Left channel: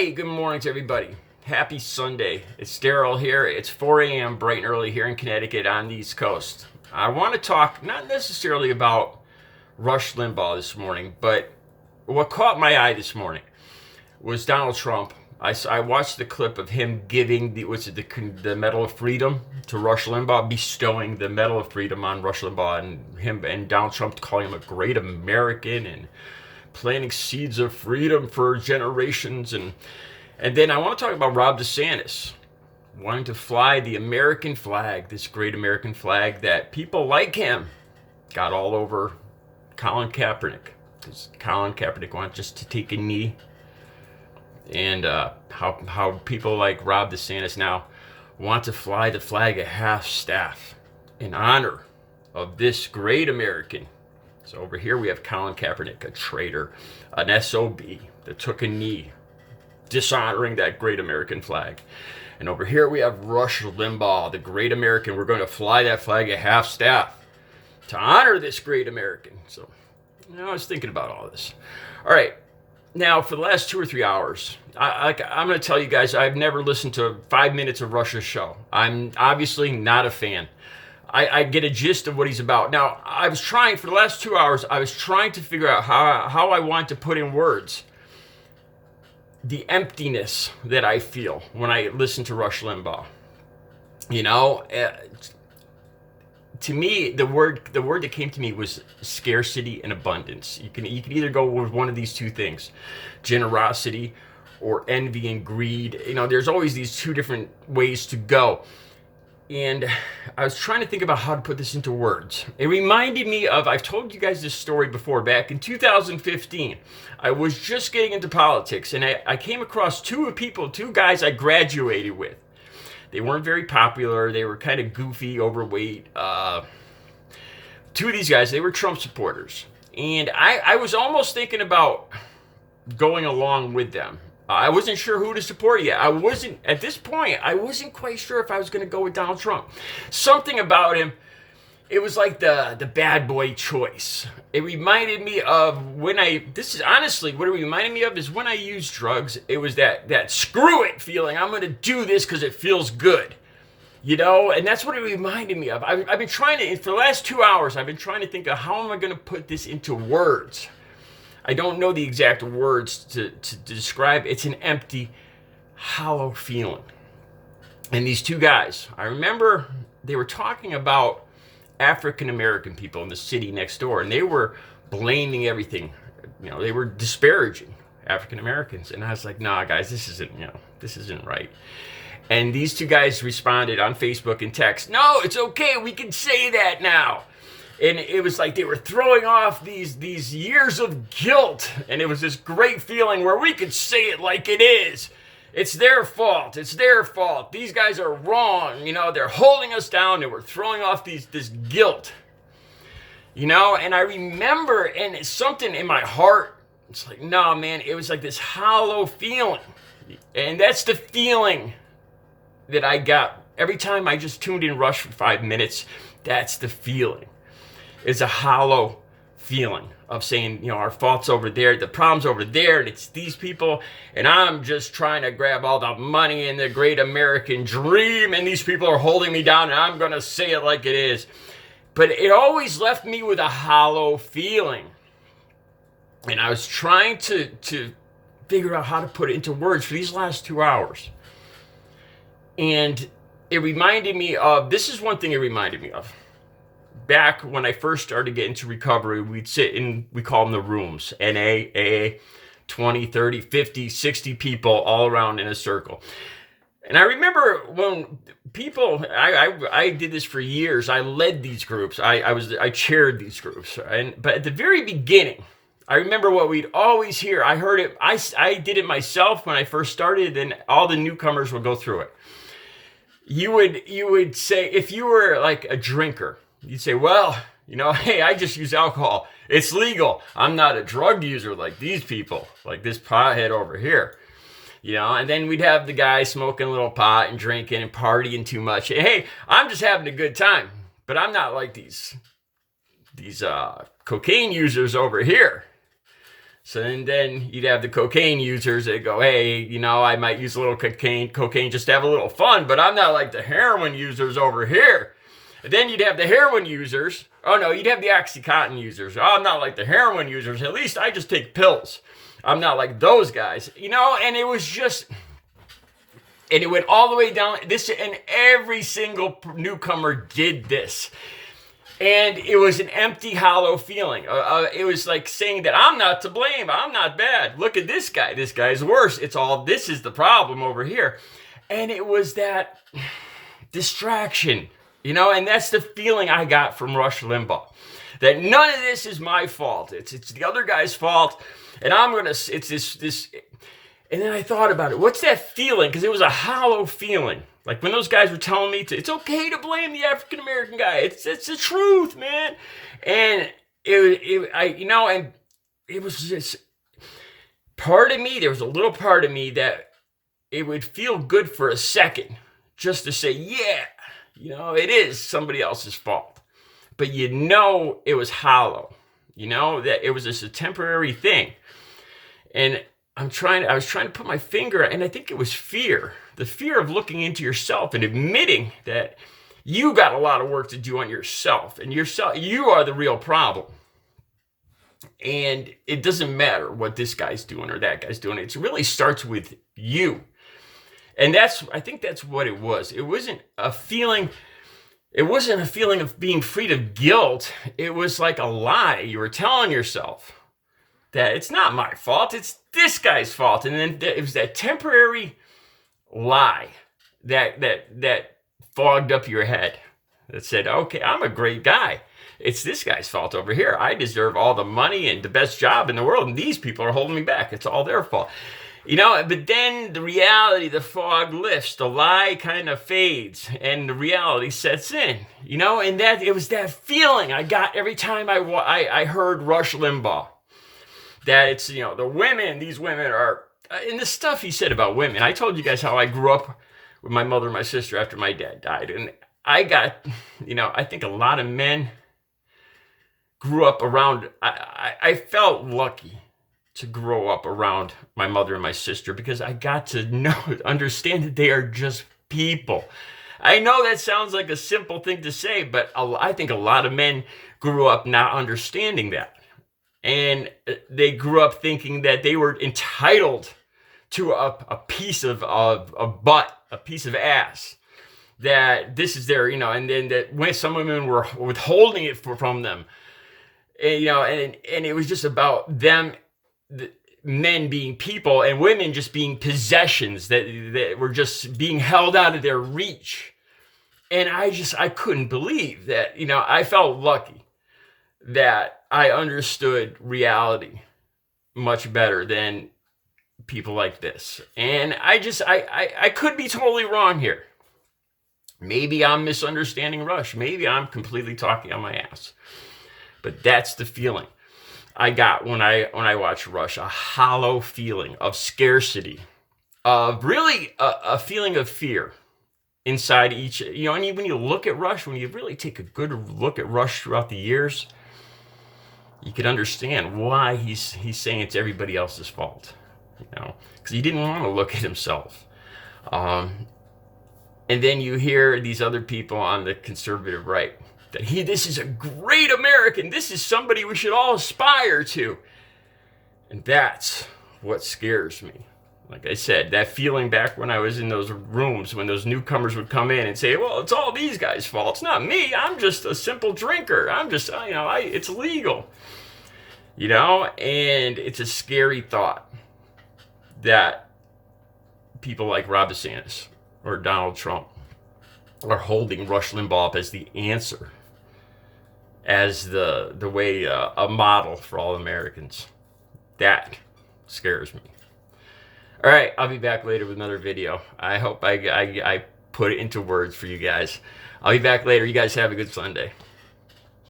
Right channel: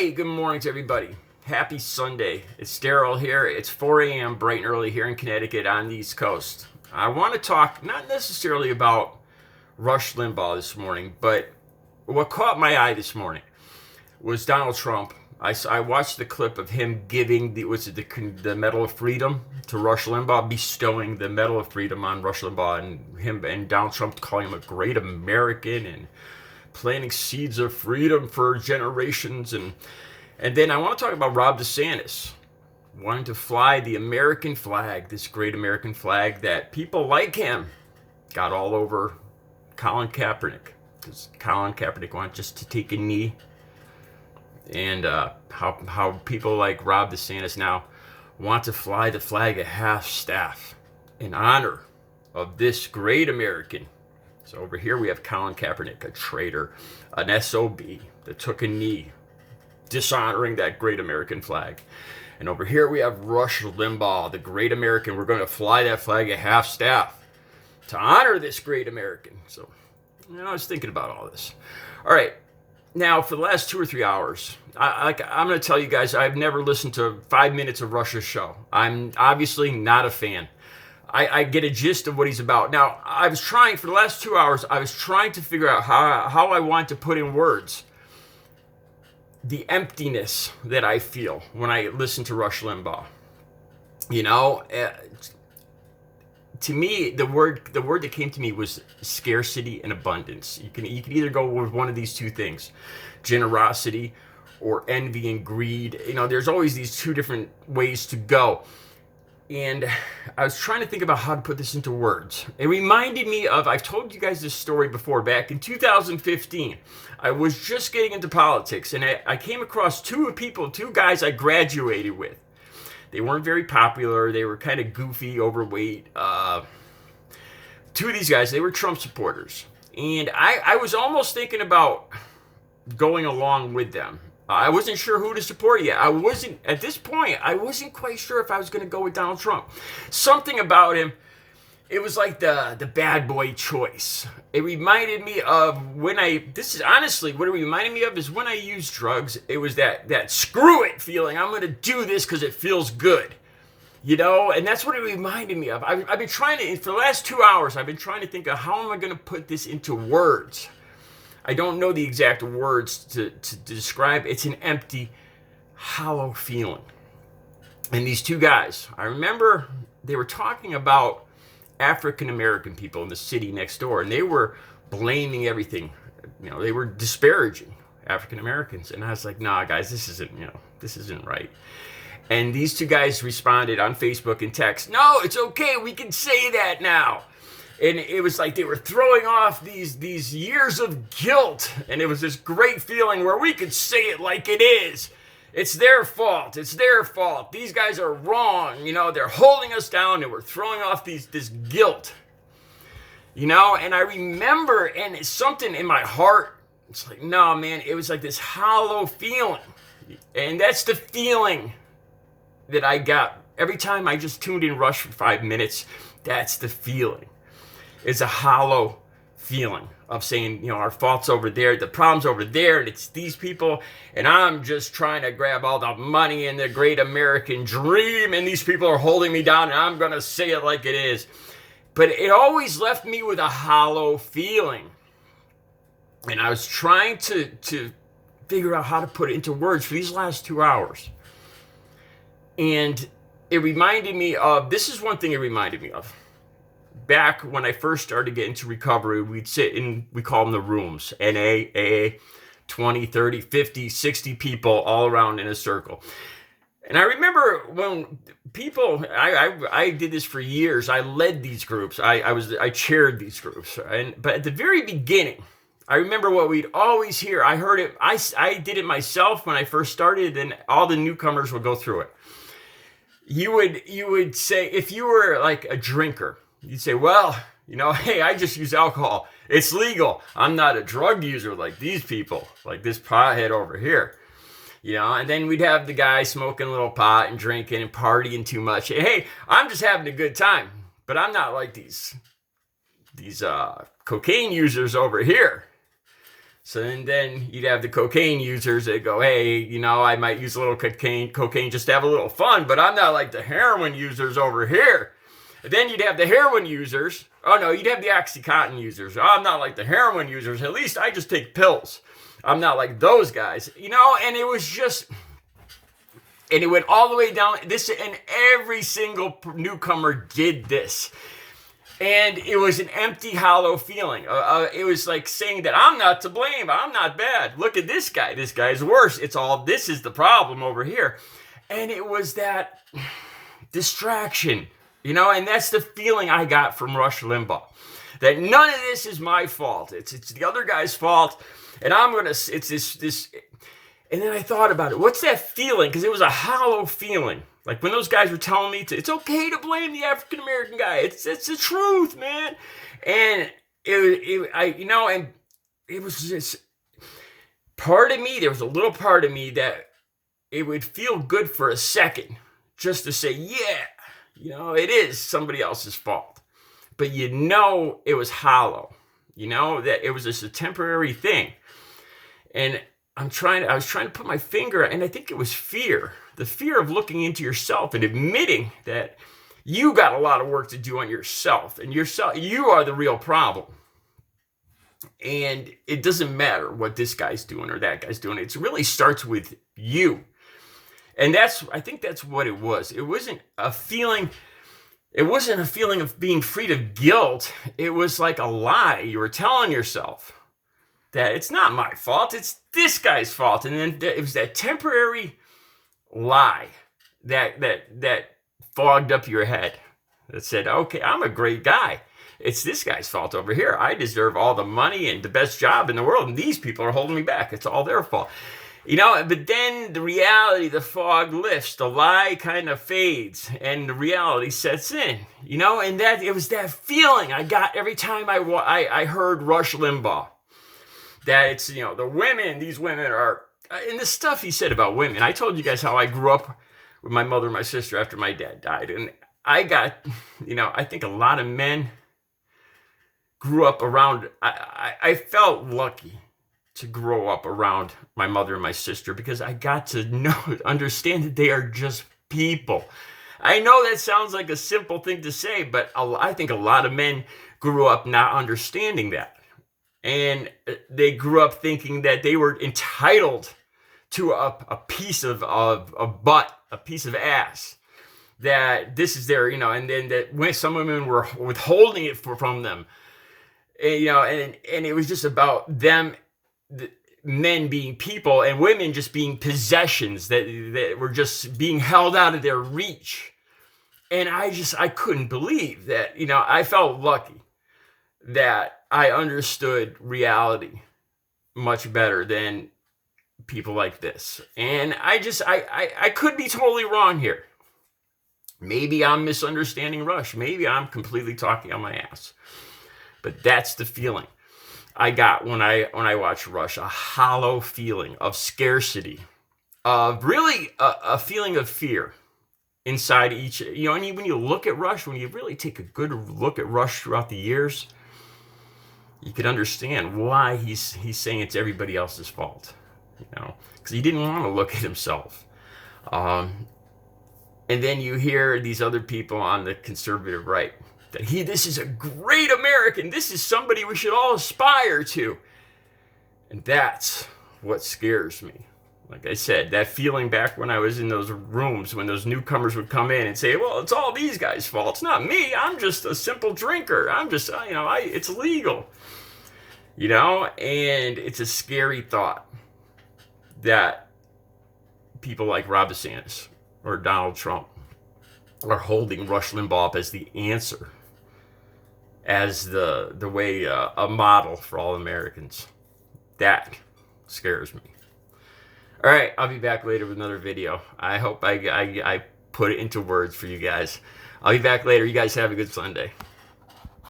Hey, good morning to everybody. Happy Sunday. It's Daryl here. It's 4 a.m. bright and early here in Connecticut on the East Coast. I want to talk not necessarily about Rush Limbaugh this morning, but what caught my eye this morning was Donald Trump. I watched the clip of him giving the Medal of Freedom to Rush Limbaugh, bestowing the Medal of Freedom on Rush Limbaugh, and him and Donald Trump calling him a great American and planting seeds of freedom for generations. And then I want to talk about Rob DeSantis wanting to fly the American flag, this great American flag that people like him got all over Colin Kaepernick, because Colin Kaepernick wanted just to take a knee. And how people like Rob DeSantis now want to fly the flag at half-staff in honor of this great American. So over here we have Colin Kaepernick, a traitor, an SOB that took a knee, dishonoring that great American flag. And over here we have Rush Limbaugh, the great American. We're going to fly that flag at half-staff to honor this great American. So, I was thinking about all this. All right. Now, for the last 2 or 3 hours, I'm going to tell you guys, I've never listened to 5 minutes of Rush's show. I'm obviously not a fan. I get a gist of what he's about. Now, I was trying, for the last 2 hours, I was trying to figure out how I want to put in words the emptiness that I feel when I listen to Rush Limbaugh. To me, the word that came to me was scarcity and abundance. You can either go with one of these two things, generosity or envy and greed. There's always these two different ways to go. And I was trying to think about how to put this into words. It reminded me of, I've told you guys this story before, back in 2015. I was just getting into politics, and I came across two guys I graduated with. They weren't very popular. They were kind of goofy, overweight. Two of these guys, they were Trump supporters. And I was almost thinking about going along with them. I wasn't sure who to support yet. At this point, I wasn't quite sure if I was going to go with Donald Trump. Something about him, it was like the bad boy choice. It reminded me of what it reminded me of is when I used drugs. It was that screw it feeling. I'm going to do this because it feels good. And that's what it reminded me of. I've been trying to, for the last 2 hours, I've been trying to think of how am I going to put this into words. I don't know the exact words to describe. It's an empty, hollow feeling. And these two guys, I remember they were talking about African American people in the city next door, and they were blaming everything. They were disparaging African Americans. And I was like, nah, guys, this isn't right. And these two guys responded on Facebook and text, no, it's okay, we can say that now. And it was like they were throwing off these years of guilt. And it was this great feeling where we could say it like it is. It's their fault. It's their fault. These guys are wrong. They're holding us down and we're throwing off this guilt. And I remember, and it's something in my heart, it's like, no, man, it was like this hollow feeling. And that's the feeling that I got every time I just tuned in Rush for 5 minutes. That's the feeling. It's a hollow feeling of saying, our fault's over there, the problem's over there, and it's these people, and I'm just trying to grab all the money and the great American dream, and these people are holding me down, and I'm going to say it like it is. But it always left me with a hollow feeling. And I was trying to figure out how to put it into words for these last 2 hours. And it reminded me of, this is one thing it reminded me of. Back when I first started getting to recovery, we'd sit in, we call them the rooms, NA, AA, 20, 30, 50, 60 people all around in a circle. And I remember when people, I did this for years. I led these groups. I chaired these groups. But at the very beginning, I remember what we'd always hear. I heard it. I did it myself when I first started, and all the newcomers would go through it. You would say, if you were like a drinker, you'd say, well, hey, I just use alcohol. It's legal. I'm not a drug user like these people, like this pothead over here. And then we'd have the guy smoking a little pot and drinking and partying too much. Hey, I'm just having a good time, but I'm not like these cocaine users over here. So then you'd have the cocaine users that go, hey, you know, I might use a little cocaine just to have a little fun, but I'm not like the heroin users over here. And then you'd have the heroin users. Oh no, you'd have the Oxycontin users. Oh, I'm not like the heroin users. At least I just take pills. I'm not like those guys, you know. And it was just, and it went all the way down. This, and every single newcomer did this. And it was an empty, hollow feeling. It was like saying that I'm not to blame. I'm not bad. Look at this guy. This guy's worse. It's all, this is the problem over here. And it was that distraction, you know, and that's the feeling I got from Rush Limbaugh. That none of this is my fault. It's the other guy's fault. And I'm going to, it's this. And then I thought about it. What's that feeling? Because it was a hollow feeling. Like when those guys were telling me it's okay to blame the African American guy. It's the truth, man. And and it was just part of me. There was a little part of me that it would feel good for a second just to say, yeah, you know, it is somebody else's fault. But you know, it was hollow. You know, that it was just a temporary thing. And I was trying to put my finger, and I think it was fear. The fear of looking into yourself and admitting that you got a lot of work to do on yourself, and you are the real problem. And it doesn't matter what this guy's doing or that guy's doing. It really starts with you. And I think that's what it was. It wasn't a feeling of being freed of guilt. It was like a lie you were telling yourself that it's not my fault, it's this guy's fault. And then it was that temporary lie that fogged up your head that said, okay, I'm a great guy. It's this guy's fault over here. I deserve all the money and the best job in the world, and these people are holding me back. It's all their fault. You know, but then the reality, the fog lifts, the lie kind of fades, and the reality sets in. You know, and that it was that feeling I got every time I heard Rush Limbaugh. That it's, you know, these women are, and the stuff he said about women. I told you guys how I grew up with my mother and my sister after my dad died. And I got, you know, I think a lot of men grew up around, I felt lucky to grow up around my mother and my sister because I got to understand that they are just people. I know that sounds like a simple thing to say, but I think a lot of men grew up not understanding that. And they grew up thinking that they were entitled to a piece of butt, a piece of ass. That this is their, you know, and then that when some women were withholding it from them, and, you know, and it was just about them, men being people and women just being possessions that were just being held out of their reach. And I couldn't believe that, you know, I felt lucky that I understood reality much better than people like this. And I could be totally wrong here. Maybe I'm misunderstanding Rush. Maybe I'm completely talking on my ass. But that's the feeling I got when I watched Rush. A hollow feeling of scarcity, of really a feeling of fear inside each, you know, and when you look at Rush, when you really take a good look at Rush throughout the years, you could understand why he's saying it's everybody else's fault, you know, because he didn't want to look at himself. And then you hear these other people on the conservative right that this is a great American. This is somebody we should all aspire to. And that's what scares me. Like I said, that feeling back when I was in those rooms, when those newcomers would come in and say, well, it's all these guys' fault. It's not me. I'm just a simple drinker. I'm just, you know, it's legal. You know, and it's a scary thought that people like Rob DeSantis or Donald Trump are holding Rush Limbaugh up as the answer, as the way, a model for all Americans. That scares me. All right, I'll be back later with another video. I hope I put it into words for you guys. I'll be back later. You guys have a good Sunday.